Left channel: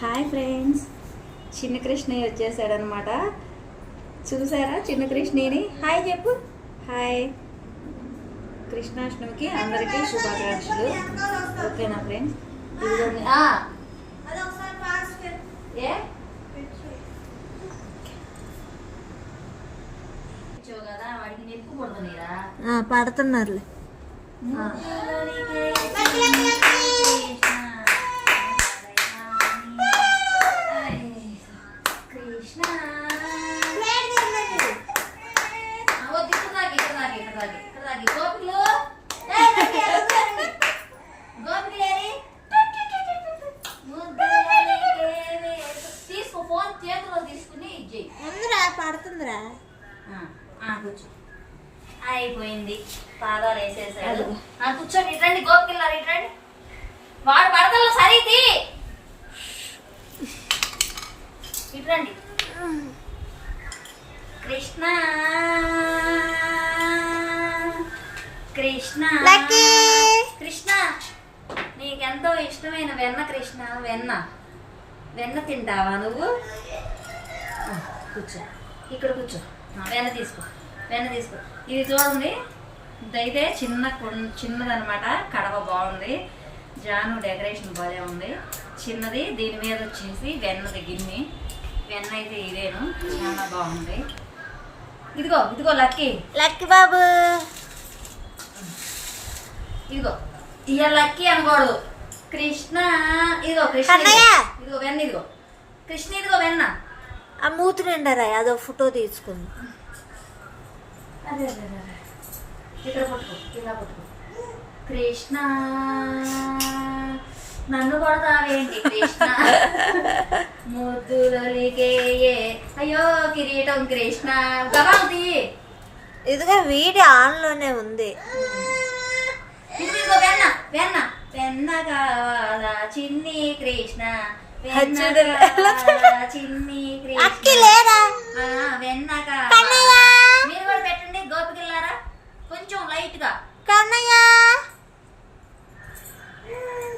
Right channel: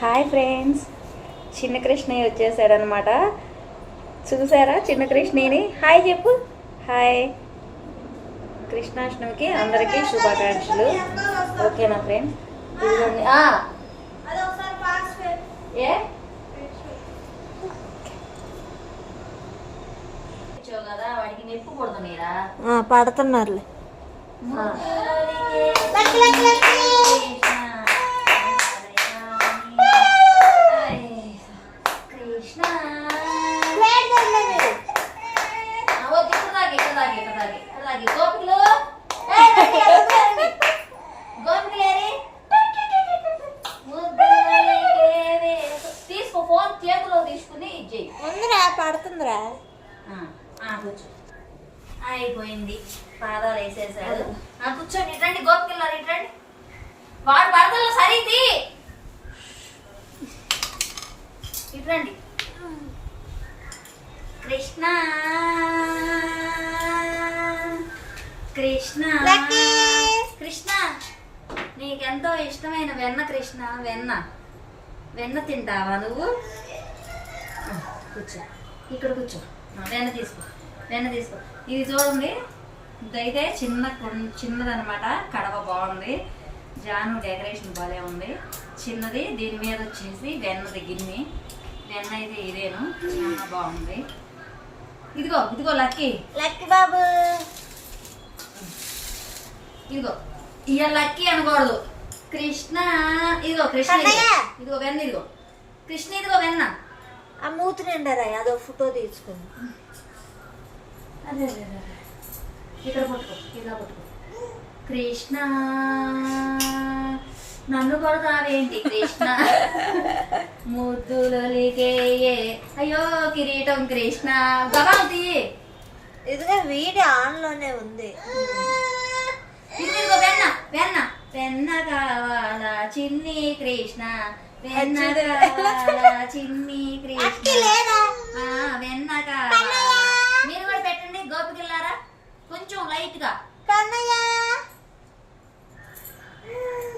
Hi friends. చిన్న కృష్ణయ్య వచ్చేసాడనమాట చూసారా చిన్న కృష్ణయ్యని? హాయ్ చెప్పు. హాయ్. కృష్ణాష్టమికి అందరికీ శుభాకాంక్షలు. ఓకేనా ఫ్రెండ్? ఇదిగోండి. ఏ? పడుతున్నారులే కృష్ణ వద్దు ఇక్కడ దాగి ఇక్కడ దాగి ఇక్కడ దాగి గోపికలు. గోపికలు. తీసుకో ఫోన్ చేతిలో తీసుకుని ఇచ్చేయి ఉందిరా పడుతుందిరా. అయిపోయింది. పాదాలు వేసేసాడు. కూర్చోండి ఇట్రండి గోపికెళ్ళారు ఇట్రండి వాడు పడతలు సరిది ఇట్రండి కృష్ణ. కృష్ణ. కృష్ణ నీకెంతో ఇష్టమైన వెన్న కృష్ణ వెన్న. వెన్న తింటావా నువ్వు? కూర్చో. ఇక్కడ కూర్చో. వెన్న తీసుకో. వెన్న తీసుకో. ఇది చూడండి. ఇదైతే చిన్న కుం- చిన్నదనమాట కడవ బాగుంది. జాను డెకరేషన్ బాగా ఉంది. చిన్నది దీని మీద వచ్చేసి వెన్నది గిన్నె. వెన్న అయితే ఇదేను. చాలా బాగుంది. ఇదిగో ఇదిగో లక్కీ. లక్కీ బాబు. ఇదిగో ఇక లక్కీ అనకూడదు. కృష్ణ ఇదిగో కృష్ణ ఇదిగో. వెన్న ఇదిగో. కృష్ణ ఇదిగో వెన్న. ఆ మూతి నిండరా అదో ఫోటో తీసుకుంది. అదే అదే అదే, అదే. ఇక్కడ పట్టుకో ఇలా పట్టుకో. కృష్ణ నన్ను కొడతావేంటి? కృష్ణ ముద్దులకే అయ్యో కిరీటం కృష్ణ. తీయి. ఇదిగో వీడియో ఆన్లోనే ఉంది వెన్న వెన్న. వెన్న కావాలా చిన్ని కృష్ణ. చిన్ని కృష్ణ. వెన్న. కావాలా. మీరు కూడా పెట్టండి గోపికల్లారా కొంచెం లైట్గా. కన్నయ్య?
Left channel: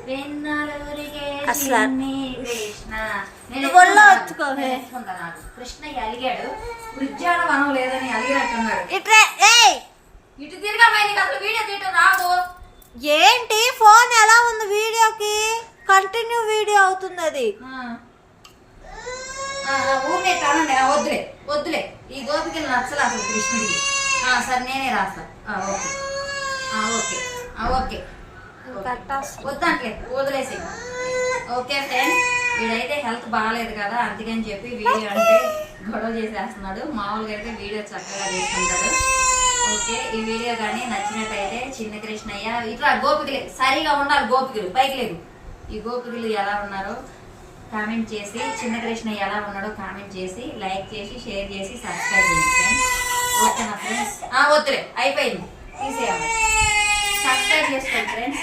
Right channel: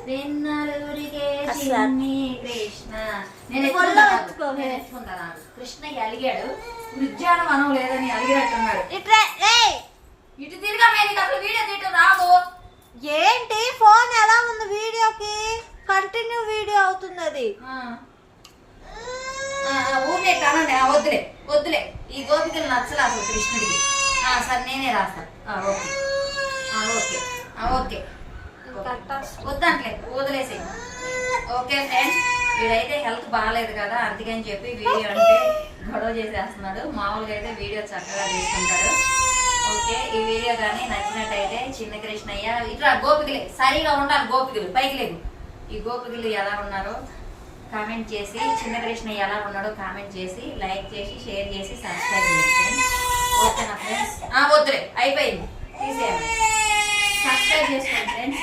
వెన్నలూరికే అసలు- చిన్ని కృష్ణ కృష్ణయ్య అలిగాడు. ఉద్యానవనం లేదని అలిగినట్టున్నాడు ఇటు తిరిగా నీకు అసలు వీడియో తీయటం రాదు. ఏంటి? ఫోన్ ఎలా ఉంది వీడియోకి? కంటిన్యూ వీడియో అవుతుంది అది ఊరికే కానండి వద్దులే వద్దులే. ఈ గోపికలు నచ్చలే అసలు కృష్ణుడికి. సరే నేనే రాస్తా ఓకే. ఓకే. ఓకే. వద్దంట్లే వదిలేసి ఓకే ఫ్రెండ్స్ వీడైతే హెల్త్ బాగాలేదు కదా అందుకని చెప్పి వీడియో అంటే గొడవ చేసేస్తున్నాడు. మామూలుగా అయితే వీడియో చక్కగా తీసుకుంటాడు. ఓకే ఈ వీడియో కానీ నచ్చినట్టయితే చిన్న కృష్ణయ్య ఇట్లా గోపికలు సరిగా ఉండాలి గోపికలు పైకి లేదు ఈ గోపికలు ఎలా ఉన్నారో కామెంట్ చేసి చిన్న కృష్ణయ్య ఎలా ఉన్నాడో కామెంట్ చేసి లైక్ చేసి షేర్ చేసి సబ్స్క్రైబ్ చేయండి ఓకే నా ఫ్రెండ్స్? వద్దులే అయిపోయింది. తీసేయాలి. సబ్స్క్రైబ్ చేసుకోండి ఫ్రెండ్స్.